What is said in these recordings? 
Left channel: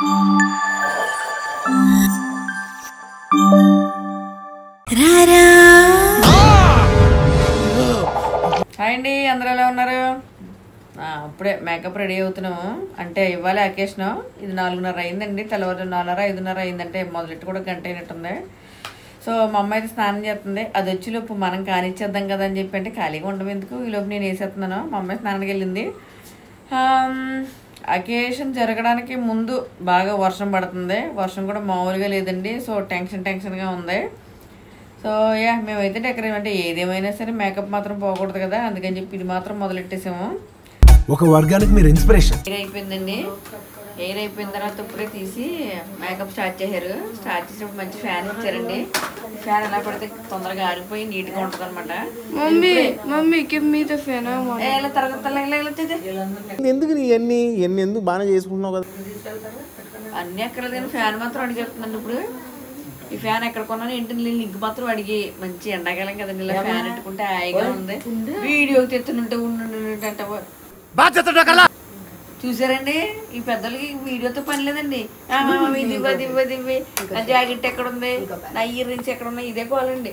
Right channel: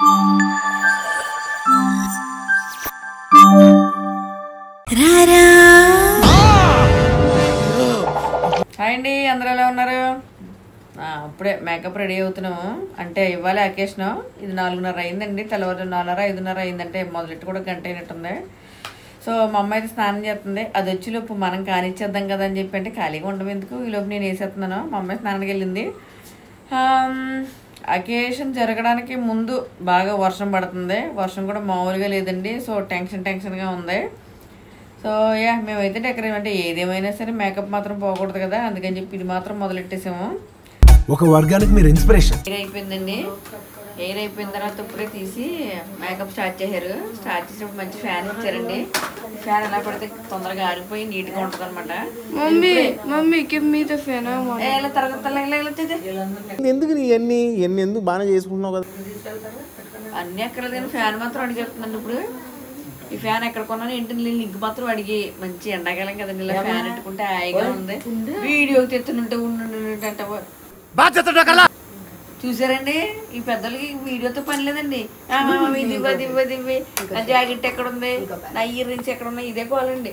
Hi అండి, అందరూ ఎలా ఉన్నారు? అప్పుడే మేకప్ రెడీ అవుతున్నాము. అంటే ఇవాళ అకేషన్. ఇది 4:30 అయిందండి. తెల్లవారు 4:30 5:30 అయిందంటే మొదలెట్టు కూడా గంట అయినట్టుంది. సో మా అమ్మ అయితే స్నానం చేస్తుంది. అది వచ్చేలోపు మనం కానిచ్చేద్దాం కదా అని చెప్పి, అంటే ఖాళీగా ఉండడం ఎందుకు, ఈలోపు నేను వేసేస్తున్నాను. మా అమ్మాయి స్నానానికి వెళ్ళింది. అకేషన్ జరగడానికి ముందు బాగా వర్షం పడుతుంది. వర్షం కూడా మామూలుగా లేదండి. సో టెన్షన్గా ఉంది. సో మేమైతే డెకరేషన్, అంటే ఏదేమైనా సరే మేకప్ మాత్రం పోకూడదు కదా, అందుకని చెప్పి ఇది మాత్రం మొదలెట్టేసాము. ఒక వర్గానికి మీరు ఇన్స్పిరేషన్. హెయిర్ అయిపోయిందండి. హెయిర్ అయిపోయిన తర్వాత ఇప్పుడే తీసి మేకప్ స్టార్ట్ చేశారు. స్టార్ట్ చేసినప్పుడు మంచి ఫ్యాన్ ఇచ్చారండి. ఫ్యాన్ ఎలా పడితే తొందరగా ఆరిపోయి నీట్గా ఉంటుంది అనమాట. ఎందుకు ఎన్ని ఎందుకు బాగా చేసుకుంటున్నావు కదా, అన్ని ఎక్కర్లేదు కానీ ఫ్యాన్ మాత్రం అడిగి చెప్తున్నాను. ఇప్పుడు ఈ ఫ్యాన్ ఎక్కడ కొన్నాను ఇంటి లింక్ మాత్రం అడిగి, మంచి ఎండాకాలం కదండి, ఇలా ఫ్యాన్ పెట్టుకుంటే హాయిగా ఉంది. వీడియో తెత్తుంటే చూసారండి, ఈ పెద్దలకి వీడియోతో పని లేదండి. దివ్వ నా జాకెట్ ఎక్కడ ఉంది, నా ఇయర్ రింగ్స్ ఎక్కడ ఉన్నాయి, ఇదే కావాలండి.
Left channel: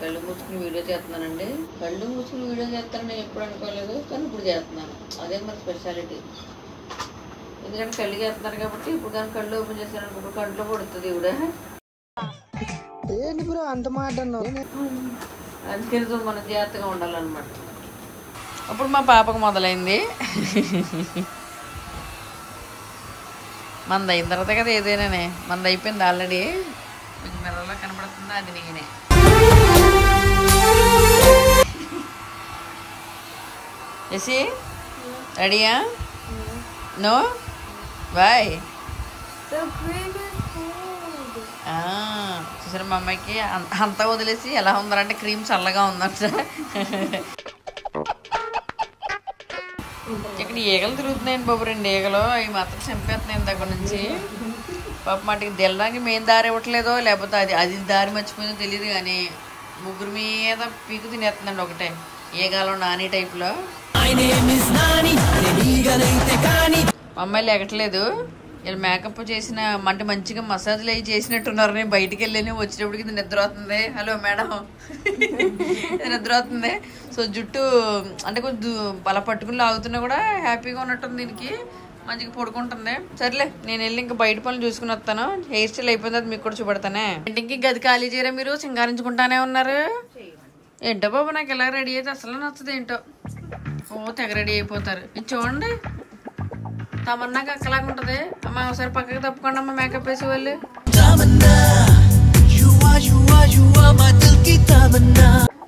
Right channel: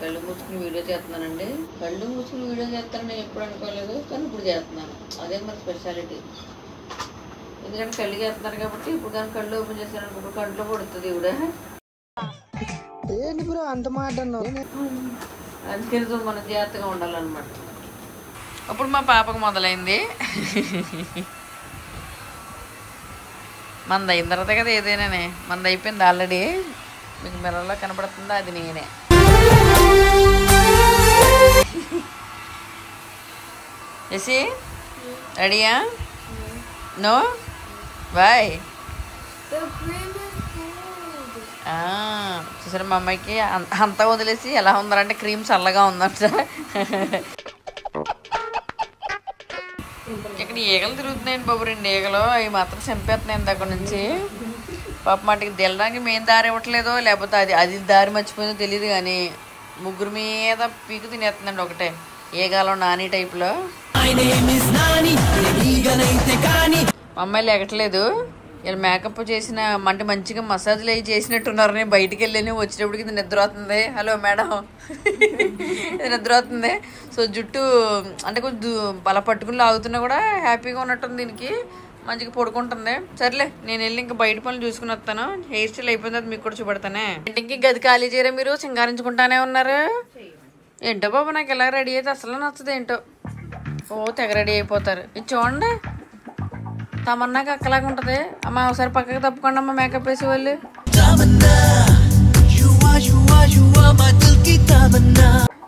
కళ్ళు మూసుకుని వీడియో చేస్తున్నానండి. కళ్ళు మూసుకుని వీడియో చేస్తానని ఎప్పుడు అనుకోలేదు, కానీ ఇప్పుడు చేస్తున్నాను. అదే మరి స్పెషాలిటీ. ఎందుకంటే కళ్ళు చేస్తున్నారు కాబట్టి ఇప్పుడు కానీ కళ్ళు ఓపెన్ చేస్తాను, ఇప్పుడు కంట్లో పడుతుంది ఇవిడ. అంత మాట అందుకని మనం జాగ్రత్తగా ఉండాలన్నమాట. అప్పుడు మా పాపకు మొదలైంది. మంది అయిన తర్వాత కదా ఏదైనానే. మంది అయిపోయింది ఆల్రెడీ. మీకు మిర్రర్లో కనపడుతుందా, అది నేనే. ఎసి రెడీయా? No boy. చూసారు మా అమ్మాయికి అంతా వదిలేసి ఎలా ఉందంటే క్రీమ్ చల్లగా ఉందంట. ఇక్కడ ఈగలు తిరుగుతున్నాయండి బాబు, 2 ఈగలు. అవి మాత్రం చంపేస్తున్నాయి దగ్గర నుంచి. పాప మాటికి తెల్లడానికి మేము దారి ఇవ్వట్లేదో, లేకపోతే అది దారి మర్చిపోయిందో తెలియదు, కానీ ముగ్గురు మీద పీకు తినేస్తుందండి ఒకటే. ఈగాలో నాని టైప్లో. మా అమ్మాయి లేకట్లేదు. ఇలా మేకప్ చేసిన అంటే మంచిగా మసాజ్లు అవి చేసినట్టున్నారని బయటికి వెళ్ళి వచ్చేటప్పటికి ఇది నిద్ర అవుతుంది. హలో మేడం, నిద్ర అవుతుంది. సో జుట్టు అంటే కొంచెం బల పట్టుకుని లాగుతున్నా కూడా హ్యాపీగా ఉన్నట్టుంది. దీనికి మంచిగా పడుకుంటుంది. సర్లే నేను వెళ్ళి ఇంకా బయట పనులు చూసుకుని వస్తాను. హెయిర్ స్టైల్ అయిపోయిన తర్వాత మీకు కూడా చూపెడతానే. ఇంటికి గది ఖాళీ చేయరా మీరు? సింగారించుకుంటానే ఉన్నారు. ఏంటో బాబు, నాకు ఇలా రెడీ అయితే అసలు నచ్చదు. ఏంటో తెగ రెడీ అయిపోతారు. ఇది చూడండి, తమన్నాకి అక్కలాగా ఉంటది. అమ్మ ఒకసారి పక్కకి తప్పుకోండి అమ్మ, మేకప్ వేసే వాళ్ళు.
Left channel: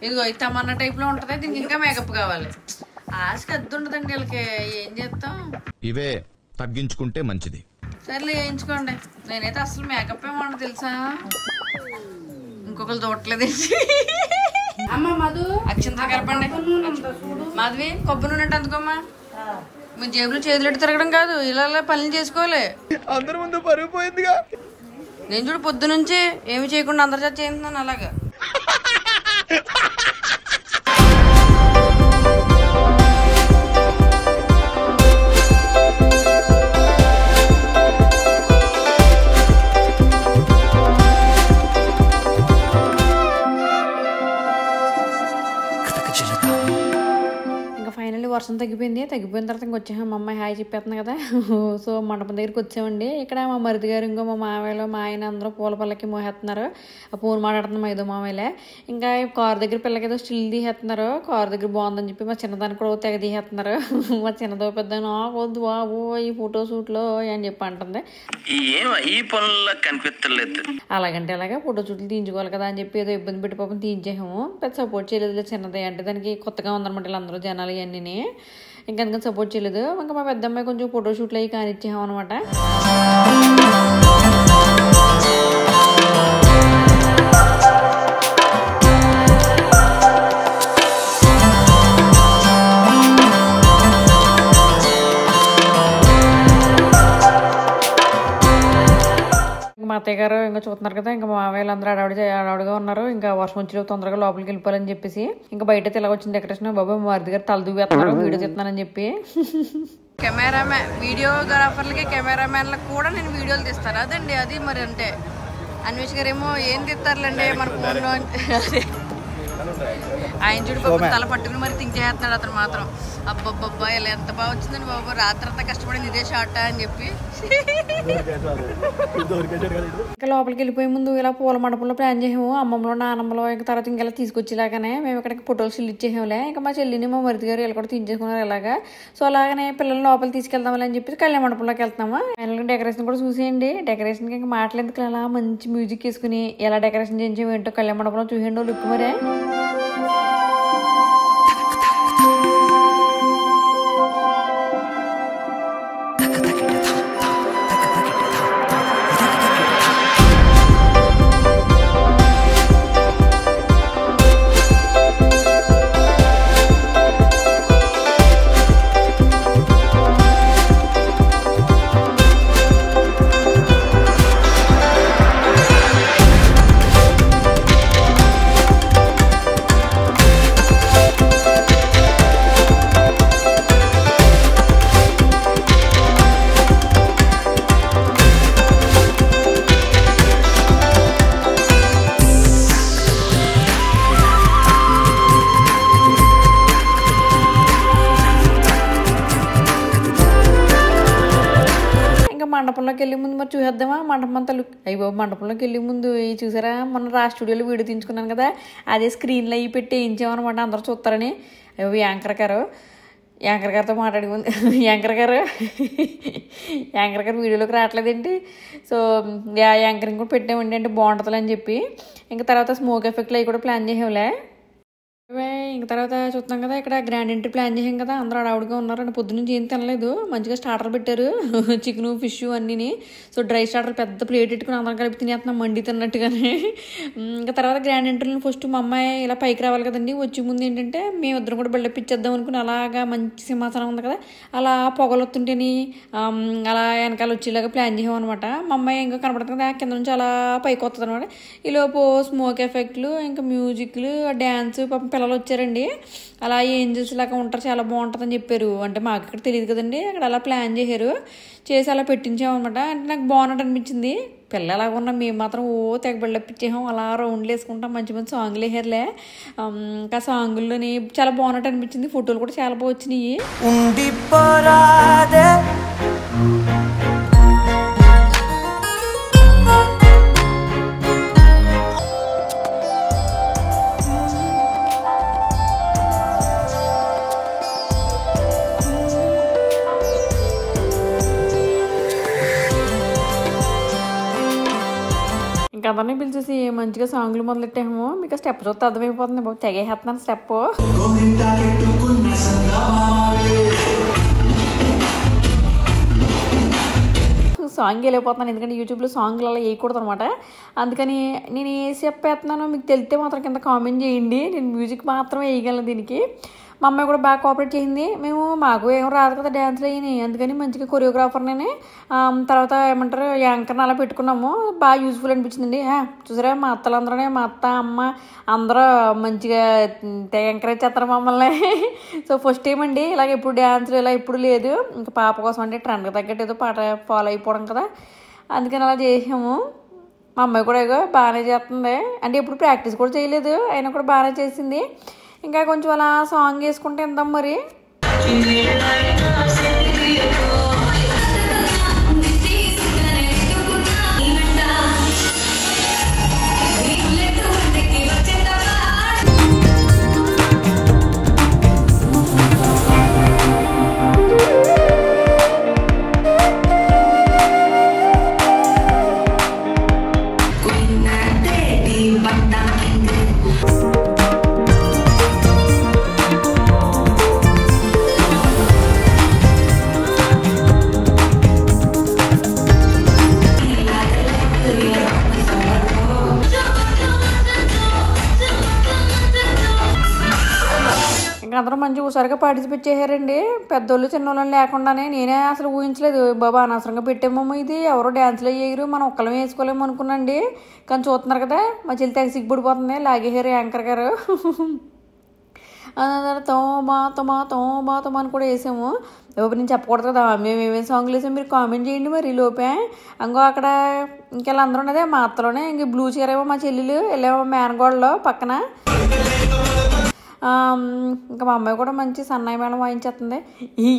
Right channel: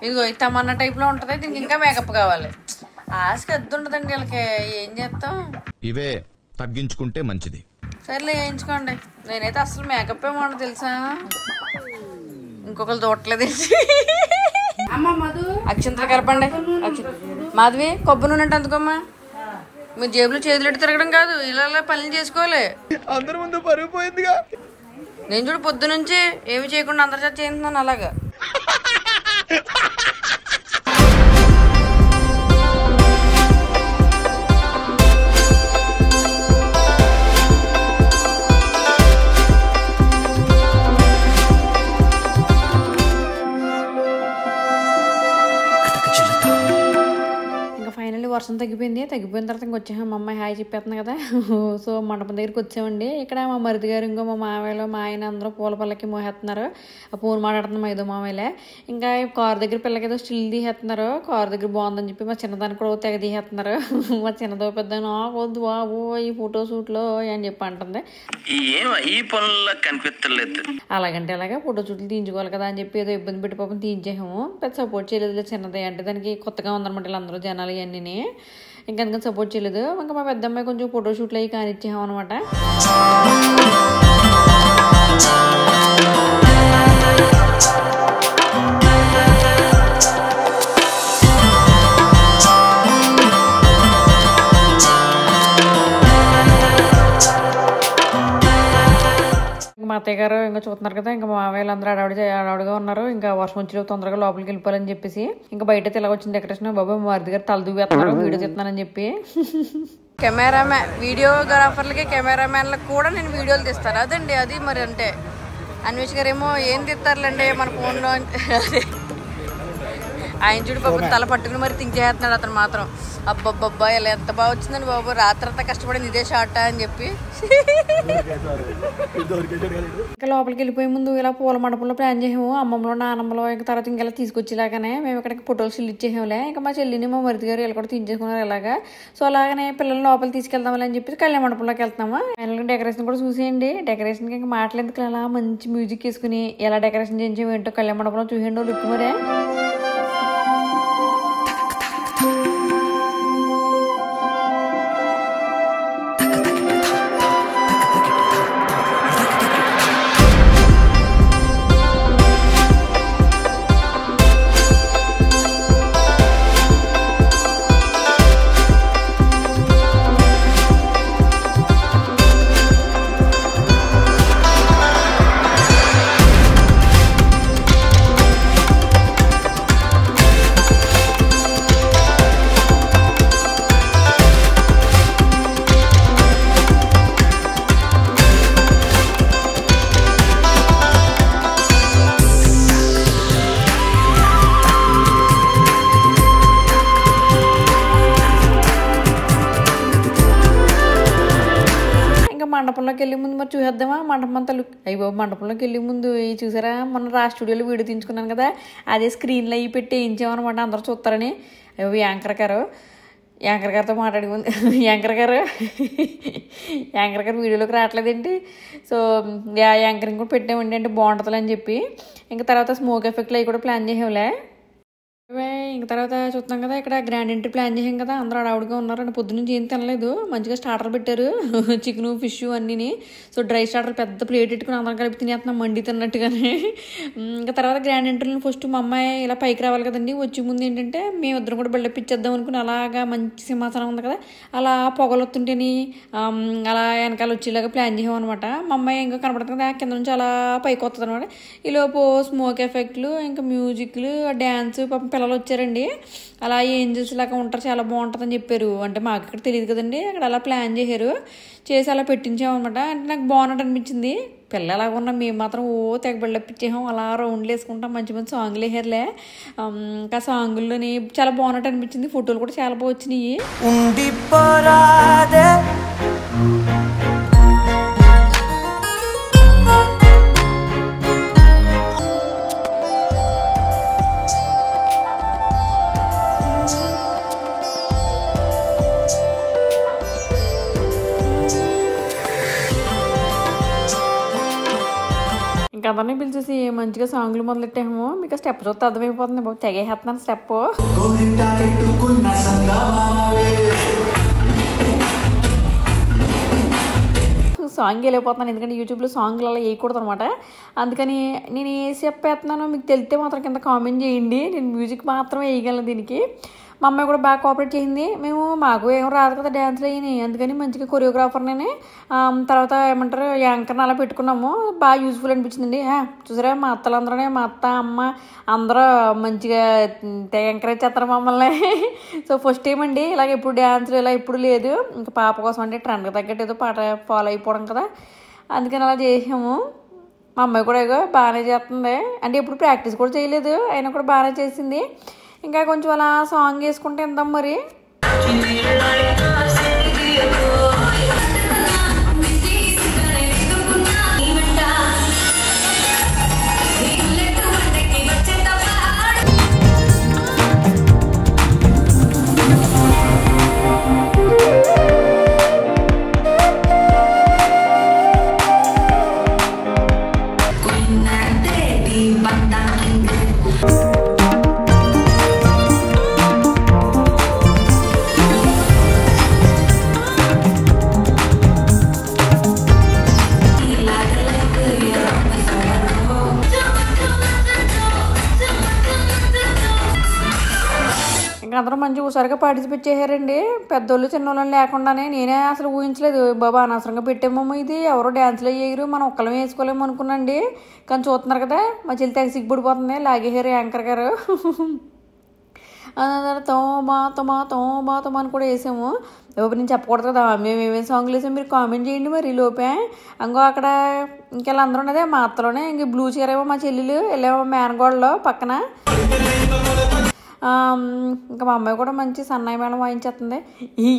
ఇదిగో ఇది తమన్నా టైప్ లో ఉంటది. దీనికి ఇంకా మేకప్ కావాలి. ఆశకి అద్దు ఉండదండి వీళ్ళకి. ఏం చేస్తాం, ఇవే తగ్గించుకుంటే మంచిది. సర్లే వేయించుకోండి. నేనైతే అసలు మేకప్ ఏమన్నా తెలుసా, ఇంకొకరు చూడట్లేదు. అక్షంతలు కలపండి. మాధవి కొబ్బరి నూనె అంటే అందుకోమ్మా. మీరు జేబులో చేతులెట్టు తిరగడం కాదు, ఇలా పనులు చేసుకోవాలి. అందరి ముందు పరుగు పోయిందిగా. నేను చూడు పొద్దు నుంచి ఏమి చేయకుండా అందరి చేత చేస్తున్నాను అలాగా. ఫైనల్లీ వర్షం తగ్గిపోయింది. తగ్గిపోయిన తర్వాత ఇంక వచ్చాము. మా అమ్మాయి హాయ్ చెప్పేస్తుంది కదా. సో మండపం దగ్గరికి వచ్చామండి. ఇక్కడ మా మరిది గారు, ఇంకో మా మామయ్యలు, మా ఆయన అందరూ పూల పల్లకి మోసేస్తున్నారు. ఆ పూలు మాట్లాడుతున్న మా ఏదో మామయ్యలే. ఇంకా కారు దగ్గర పిల్లకి ఏదో స్టిల్ తీసేస్తున్నారు. కారు దగ్గర బాగుందని చెప్పి మా చిన్నదానికి కూడా తెగ తీసేస్తున్నారు. మా చిన్నదో పెద్ద వద్దు బాబు ఈ ఫోటో షూట్లో అని చెప్పి అంటుంది. అలాగంటే అలాగే ఫోటో షూట్లు తీయించుకోవాలి కదా అని చెప్పి ఏదో ఇబ్బంది పెట్టి పాపం తీయించేసాము. పెద్ద సపోర్ట్ చేయలేదు చిన్నదే, అంటే దానికి కొత్తగా ఉందన్నమాట వీళ్ళందరూ జనాలు ఇవన్నీ. ఇంకా అందుకని సపోర్ట్ చేయలేదు. ఇంకా మా పెద్ద అమ్మాయి కొంచెం ఫోటో షూట్లు అవి కానిచ్చాము అనమాట. మా అత్తయ్య గారు ఇంకా చూస్తున్నారు కదా, ఇంకా మామయ్యలు అందరూ అడవిడిగా ఉన్నారు. ఇంకా వర్షం వచ్చి తొందరగా లోపలికి వెళ్ళిపోవాలని చెప్పేసి ఇంకా బయట ఇలా వచ్చిన డెకరేషన్. బాబు మా వారి దగ్గర తల దూవేస్తున్నారు వీడియో తీస్తున్నానని చెప్పి. కెమెరామ్యాన్ వీడియోగ్రాఫర్లకి కెమెరామ్యాన్లకు కూడా నేను వీడియోలు తీస్తాను. అదండి అది మరి. అంటే అన్వేష్ గారు ఏమో ఏం తీస్తారులేండి మన ఫోన్లో. ఆయన చూడు బాబు తల పట్టుకుని మరి థింక్ చేస్తున్నాడు అతను మాత్రం. అబ్బబ్బబ్బా ఇలా ఎంత బాగా వచ్చిందండి బాబు, రాత్రంతా కష్టపడింది ఇదే షార్ట్ అని చెప్పి. ఇంకా లోపలికి వెళ్ళిపోయే ముందు ఇలా పూల మండపంలో ప్లాన్ చేసాము. అమ్మమ్మలో నాన్నమ్మలో ఇంకా తర్వాత ఇంకెలా తీసుకొచ్చేలాగానే మేము ఇక్కడికి ఫోటోలు స్టిల్ ఇచ్చేసాములే. ఇంకా మా చెల్లిని మా మరిది గారు ఇలా కూడా తీయించేసుకున్నారు ఇలాగా. సో అలాగనే పిల్లలు లోపల తీసుకెళ్దామని అని చెప్పి కళ్యాణ మండపంలోకి వెళ్తాము. ఫైనల్గా డెకరేషన్ కూడా చూసేయండి. డెకరేషన్కి ఇంకా మాటలేందుకు అలా మంచి మ్యూజిక్ వేసుకుని ఎలా డెకరేషన్ చేయించాము ఏంటో కళ్యాణ మండపంలో చూసేయండి లుక్ మరే. మండపంలోకి వెళ్ళే ముందు మరి చూసేద్దామా మండపం అంతా లుక్. అయ్యో మండపంలోకి వెళ్ళే ముందు చూసారా మొన్న రా స్టూడియోలో వీడియో తీయించుకున్నాను కదా, అదే స్క్రీన్లో అవి పెట్టి వేయించామన్నమాట అందరూ చూస్తారని. అయ్యో యాంకర్ గారితో మాట్లాడి ముందు యాంకర్ గారు వీడియోలోకి రావట్లేదేంటి. సో యాంకరింగ్ కూడా పెట్టామండి అంటే బాగుంటుంది అని చెప్పి. ఇంకా తర్వాత స్మోక్ ఎఫెక్ట్లు అవి కూడా ప్లాన్ చేసాంలే. ఇంక తర్వాత చూస్తున్నాం కదా ఇక్కడ గ్రాండ్ ఎంట్రీ ప్లాన్ చేసాం కదా, అందరూ అడవుడిగా ఉన్నారు. అంటే పొద్దున్నుంచి ఏం తినలేదు, మంచిగా స్టార్టర్ పెట్టారు చికెను ఫిష్ అన్నీ. సో డ్రై స్టార్టర్ పెద్ద ప్లేట్ పెట్టుకుని అందరం కలిపి తినేస్తున్నాం మండి తిన్నట్టుగానే. ఇంకా తర్వాత గ్రాండ్ ఎంట్రీలో ఫస్ట్ మా అమ్మాయి ఇలా పైకి రావాలి కదండి, వచ్చే ముందు ఏంటంటే మేమిద్దరం కూడా బిల్డప్ ఇచ్చేద్దాం అనుకుని అలాగా మంచి సింహాసనం ఉంది కదా అలా పొగలు వస్తుంటేని అలా వెనకాల వచ్చేలాగా ప్లాన్ చేసాం అనమాట. మా అమ్మాయి ఇంకా కనపడుతుంది కదా కింద నుంచి అలా పైకి వస్తుంది అనమాట. ఈలోపు స్మోక్ ఎఫెక్ట్లు ఇంకా మ్యూజిక్లు డ్యాన్స్ పాపం పిల్లలు వచ్చారండి. అలా ఏంజల్స్ లాగా ఉంటారు చాలా బాగుంటుందని చెప్పారు. అంటే మాకు ఇక్కడ తెలియదు కదండి, అక్కడ అలా ప్లాన్ చేసి అలా పెట్టించామన్నమాట. అంటే నాకు బాగున్నట్టు అనిపించింది. పిల్లలు అలాగ ఉన్నాం, మేము మాత్రం తెగ బిల్డప్పించాం. అలా రౌండ్లు వేసుకుంటాం, మంచి మంచి సాంగ్లు వేసారులే. ఇంకా సాంగుల్లోని చాలా బాగున్నట్టు అనిపించింది. ఫోటోలు కూడా చాలా బాగా వచ్చినాయి. ఇంకా అందరినీ పిలిచేసి మంచిగా సాంగ్లు మొదలెట్టాము. మీకు స్టెప్ చూస్తే అర్థమైపోతుంది బాబు, తెగేస్తున్నాను స్టెప్. సాంగ్ వెళ్ళిపోతున్నాను ఎందుకంటే యూట్యూబ్లో సాంగ్లు అలా వేయకూడదు అనమాట. అందుకని నేను ఏ స్టెప్ వేస్తున్నానో మీకు తెలిస్తే మాత్రం కింద కామెంట్ చేయండి. నేను మ్యూజిక్ మాత్రమే వేయగలను దీనికి. మా అమ్మాయి కూడా బాగా కోఆపరేట్ చేసింది. మాకు ఏం రాదు కదా డ్యాన్స్లు అయ్యి, అందుకని మంచిగా కొరియోగ్రాఫర్ని తర్వాత ఏమంటారు యాంకర్ని అలా పెట్టుకున్నాము. బాగా యూజ్ఫుల్ అనిపించిందండి. చూసారా మా అత్తలందరూ మా అత్త అమ్మ అందరూ మంచిగా ఎంకరేజ్ చేస్తారు మమ్మల్ని. సో ఫస్ట్ టైం అండి ఇలాగ ఎప్పుడు డ్యాన్స్లు ఇలా ఎప్పుడు లేదు. ఇంకా పాప కోసం అంటే ట్రెండ్కి తగ్గట్టు ఏదో పాట ఫాలో అయిపోవడం కదా, అందుకని అలా చేసాము. మా అమ్మాయి కూడా ఏదో బాగానే చేస్తుంది. అంటే ఎప్పుడు ప్రాక్టీస్ కూడా చేయలేదు, అయినా కూడా బాగానే చేసింది. ఇంకా కొంచెం అలా సాంగ్ వేసుకుంటే ఎందాం మరి. అందరూ మంచి హుషారుగా పార్టిసిపేట్ చేశారండి, పెద్దోళ్ళు చిన్నోళ్ళని లేకుండానే. నేనే అసలు ఊహించలేదు, బాబా అనవసరంగా పెట్టామమ్మ, ఇది ఎవరో డ్యాన్స్లో వేయరు, మనం ఒక్కళ్ళమే వేసుకోలేము అనుకున్నాండి. కానీ చూస్తున్నారు కదా మా చెల్లి తెగ సిగ్గుపడిపోతుంది, లాగేశారు యాంకర్ గారు. తోమా తోమా తోమా తోమా అని కూడా వేసాము. లోపు నేను చెప్పకూడదు కదా మేము ఏమేమి సాంగ్లు వేసాము, మీరు కామెంట్ చేయండి. మరి లోపే ఇంకో అక్కడ ఇంకెళ్ళి అందరూ ఉన్నదే మా అత్తలోనే, ఇంక బ్లూ చీర ఏమో మా చెల్లెలు, వెళ్ళేమో మేనగోడలో పక్కన. ఇంకా మా అమ్మాయి కూడా మంచి సన్నాయి మేళం వాయించేస్తుంది.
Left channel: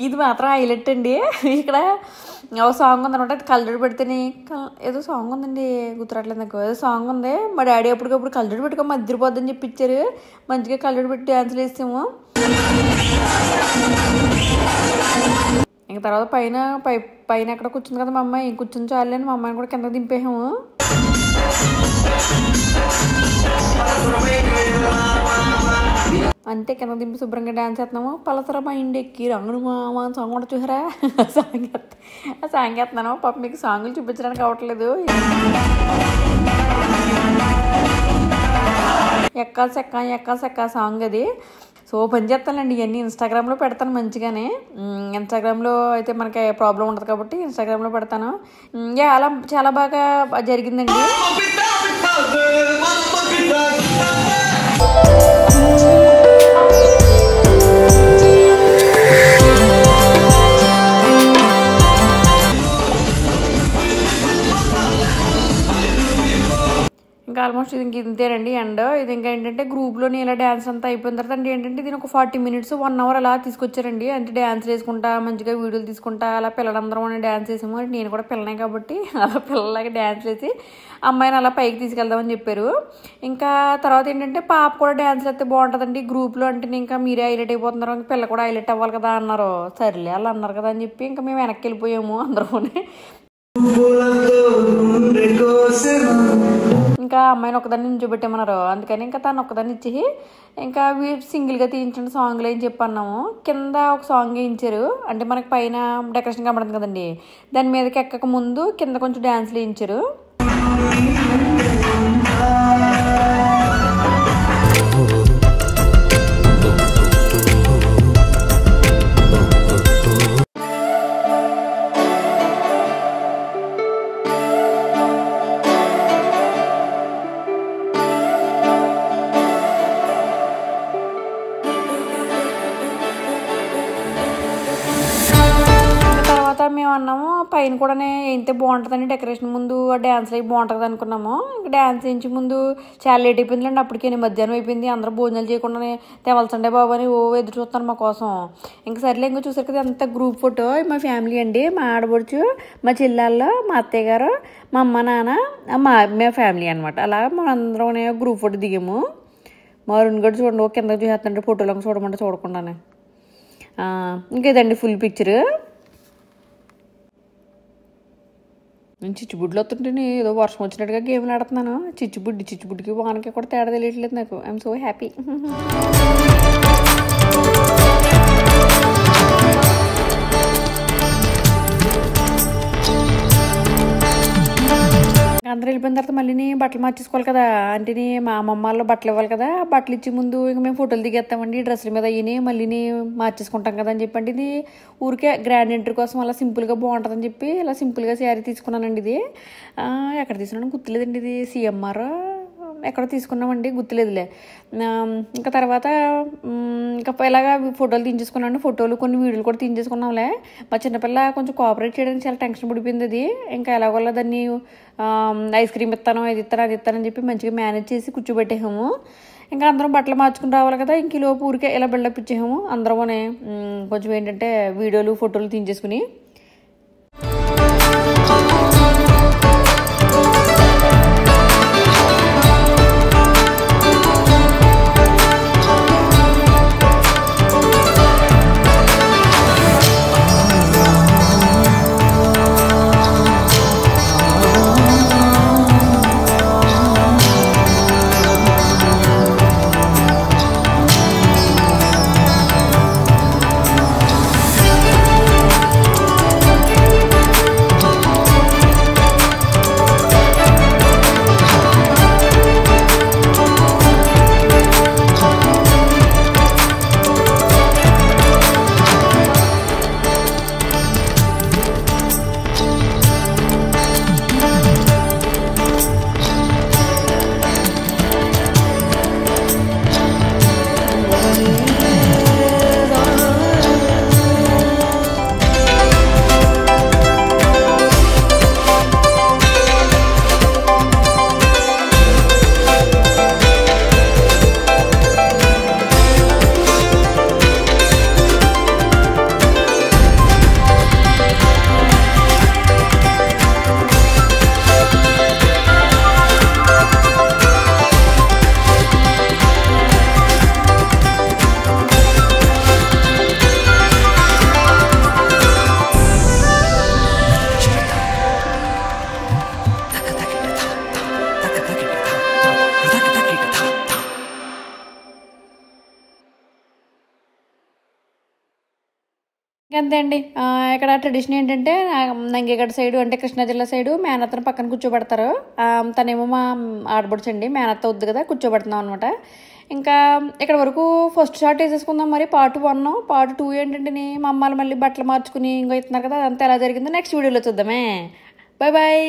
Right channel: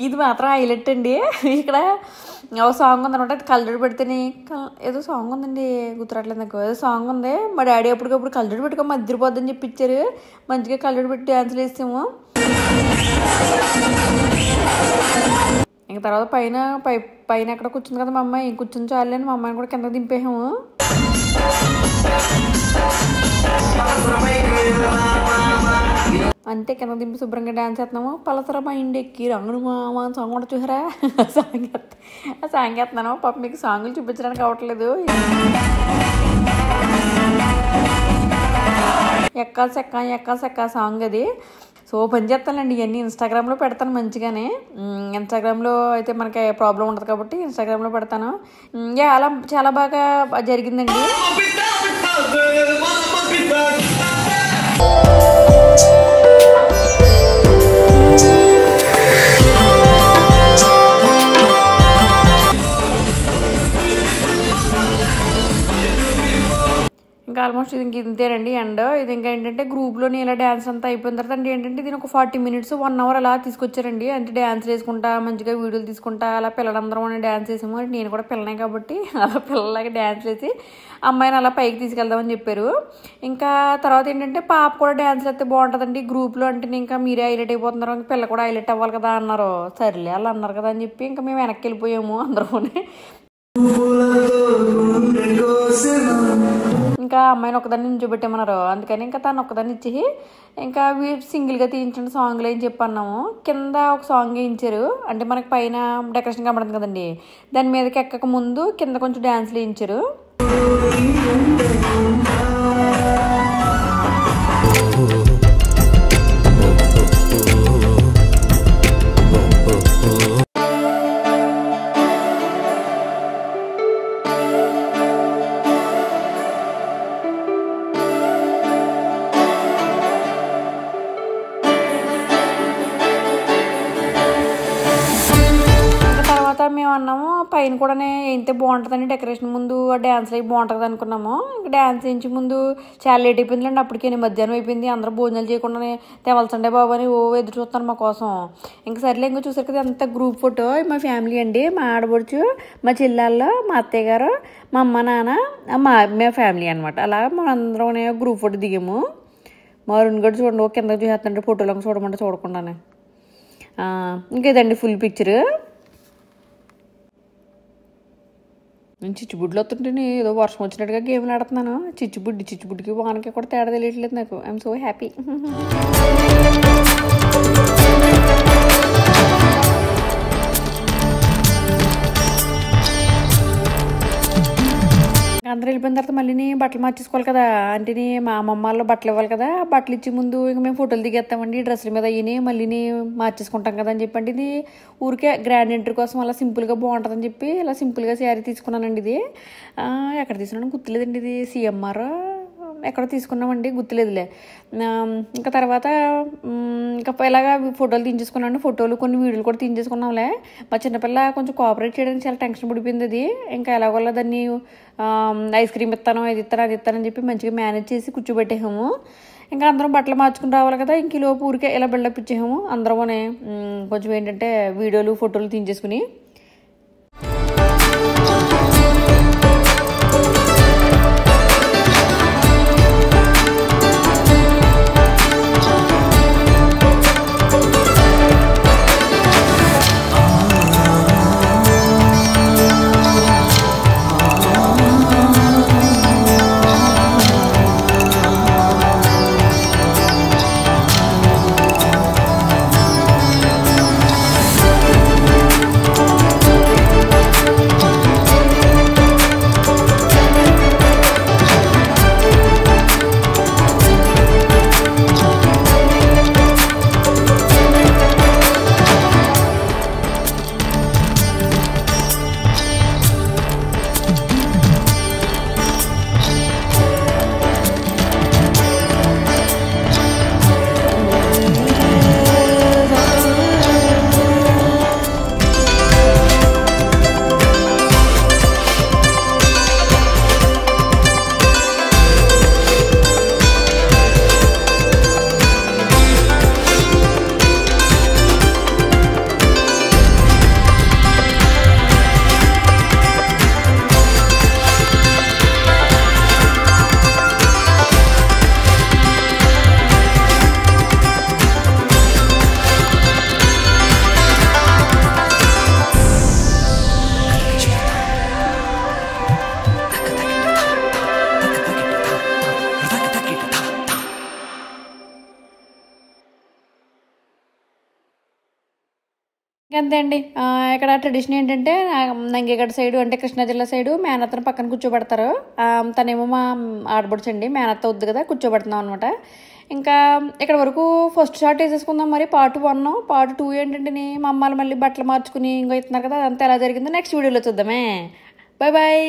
ఇది మాత్రం హైలైట్ అండి. ఇక్కడ ఒక సాంగ్ ఉందనమాట, అది కలర్ పెడితేనే ఏదో సాంగ్ ఉందండి, గుర్తురాట్లేదు నాకు. ఏదో సాంగ్ ఉంది, మా డాడీ అప్పటికప్పుడు కలర్ పెట్టుకో మధ్యపోద్దని చెప్పి ఇచ్చారు. మంచిగా కలర్ పెట్టి డ్యాన్సులు వేసాము. ఇంక తర్వాత పైన ఎక్కడ కూర్చుంది కదా మా అమ్మాయి, కూర్చుని చాలని మా అమ్మాయిని కూడా కింద దింపేసాము. అంతే కింద దింపి శుభ్రంగా డ్యాన్స్ చేస్తున్నాము. పలసరా మా ఇంటి ఎక్కి రంగుడు మామ సాంగ్ కూడా చూసారా, సాంగ్ వేస్తున్నాను. పాప మీకు సాంగులు చూపించడానికి అవ్వట్లేదు. ఎక్కా సెక్క సాంగ్ అది. సో పని చేస్తానండి, ఇవన్నీ ఇన్స్టాగ్రామ్లో పెడతాను మంచిగానే. ఇన్స్టాగ్రామ్లో అయితే మనకి ప్రాబ్లం ఉండదు కాబట్టి ఇన్స్టాగ్రామ్లో పెడతాను. అలా చాలా బాగా జరిగిందండి. ఇంకా ఆల్మోస్ట్ ఇది ఇంతేనండి. అండ్ ఇది ఇంకా ఏంటంటే గ్రూప్లోని ఇలా డ్యాన్స్ అంతా అయిపోయిన తర్వాత అంటే ఏంటంటే దీని ఒక 40 minutes 1 hour అలా తీసుకొచ్చారండి. అంటే డ్యాన్స్ వేసుకుంటా మంచిగా వీడియోలు తీసుకుంటా అలా పిల్లలందరం అని డ్యాన్స్ వేసాము. నేను కూడా పిల్లనే కాబట్టి అలా పిల్లలాగా డ్యాన్స్ వేసి అమ్మాయిని అలా పైకి తీసుకెళ్దామని చెప్పారు. ఇంకా తర్వాత ఏంటంటే పాప కూడా డ్యాన్స్ వేస్తే బాగుంటుందండి గ్రూప్లో, అంటే ఇంకా మీరే హైలైట్ అయిపోతున్నారు, పిల్ల కూడా హైలైట్ అవ్వాలి కదా అన్నారు. సర్లే అలా అన్నారు కదా అని చెప్పి ఇంకా మేము వెనక్కి వెళ్ళిపోయాము అందరూనే. ఇంకా అమ్మాయిని ఒకదాన్ని నించోబెట్టామన్నారు, అందుకని ఇంకా తను ఒకదాన్ని ఇచ్చి ఇంకా సింగిల్గా తీయించండి సాంగ్లు అని చెప్పి అన్నాము. కింద ఒక సాంగ్ వేయించారు, అంటే మనకి పైన డెకరేషన్ కనబడుతుంది కదండి, దాని మీదకి ఎక్కక ముందు కింద కొంచెం డ్యాన్స్లు వేయించారు. మేము అన్నాము పైన కూడా ఏంటే బాగుంటుందని డెకరేషన్ ముందు డ్యాన్స్ అవి బాగుంటుంది అనుకున్నాము. ఇంకా డ్యాన్స్ వేయించి ముందు చాలా లేట్ అయిపోయిందండి, అప్పటికే మధ్యాహ్నం అయిపోయింది. అందరూ భోజనాలు చేయకుండానే తెవలసండే బాబు అని ఎదురు చూస్తాను మా కోసం. ఇంకా సర్లే ఇంకా చూసారు కదా అంత గ్రూప్ ఫోటో. మా ఫ్యామిలీ అండి, మా ఆడబడుచు, మా చెల్లెళ్ళు, మా అత్తయ్య గారు, మా అమ్మ నాన్న, మా ఫ్యామిలీ అనమాట. అలా మనం అందరం గ్రూప్ ఫోటో దిగాము. మా అరుణ్ గడు చూడండి కింద చూసేస్తుంటే ఫోటోలో చూడమంటే చూడకుండానే. ఇంకేదండి ఫుల్ పిక్చర్. నేను చిచ్చుబుడ్లు వస్తుంటే ఏదో వర్షం వచ్చినట్టుగా గేమ్లు ఆడుతున్నాను. చిచ్చుబుడ్డికి వానకి కూడా తేడా తెలియట్లేదు నాకు. I'm so happy. అందరూ వెళ్ళిపోయిన తర్వాత మళ్ళీ బట్టలు మార్చేసుకోవాలి కదా, అంటే మా అమ్మమ్మలో బట్టలు ఇవ్వాలి కదా. బట్టలు ఇచ్చే ముందు ఇంకా మేము ఫోటోలు దిగేస్తామండి, డ్రెస్సుల మీద అయ్యి మళ్ళీ మార్చేసుకుంటాం కదా అని చెప్పండి. ఇది ఊరికే గ్రాండ్ ఎంట్రీ కోసం అలా సింపుల్గా బాగుంటుందని చెప్పి ఇలా సింపుల్గా శారీ తీసుకున్నానండి. ఇది ఎక్కడ తీసుకున్నాను గుర్తులేదండి, ఇది CMR ఎక్కడ తీసుకున్నామండి గుర్తులేదులే. ఇంకా తర్వాత ఇంకా ఇలాగా ఫోటోలు తీయించేసుకున్నాను. ఫోటోలు కొన్ని వీడియోలు కూడా తీయించేసుకున్నాంలే. మా చిన్నపిల్ల కొంచెం కోఆపరేట్ చేయడానికి చాలా టెన్షన్ పడిపోయింది. అది ఇంకా ఎలాగోలా దాన్ని ఐస్ క్రీమ్ ఇస్తాను, అది ఇస్తానని చెప్పి మంచిగా మేనేజ్ చేసి కూర్చోబెట్టేసాము. ఇంకా అందరం బట్టలు మార్చుకుని రావాలి కదా, ఇంక లోపు ఊరికే ఇలా బిల్డప్ ఇచ్చేసాము. అందరమనే కొంచెం ఏంటంటే వీడియోలు ఫోటోలు తీయించేసుకుని అంతే అండి. ఇక్కడ ట్రెడిషన్ ఏంటంటే నంగిగడ్డ సైడు అంటే కృష్ణా జిల్లా సైడు మేనత్తను పక్కన కూర్చోబెడతారు. తనేమో మా ఆడబడుచండి, మేనత్త వద్దు కదా, కూర్చోబెడుతున్నాం అనమాట. ఇంకా ఇక్కడ వరకు ఫస్ట్ షాట్ వేసేసుకుందాం. మరి పార్ట్ 1, పార్ట్ 2 ఏంటంటే మా అమ్మాయిలు మళ్ళీ బట్టలు మార్చుకుని ఇంకో ఇస్తున్నారు కదా, అదంతా ఎలా జరిగిందో నెక్స్ట్ వీడియోలో చూద్దామే. Bye bye.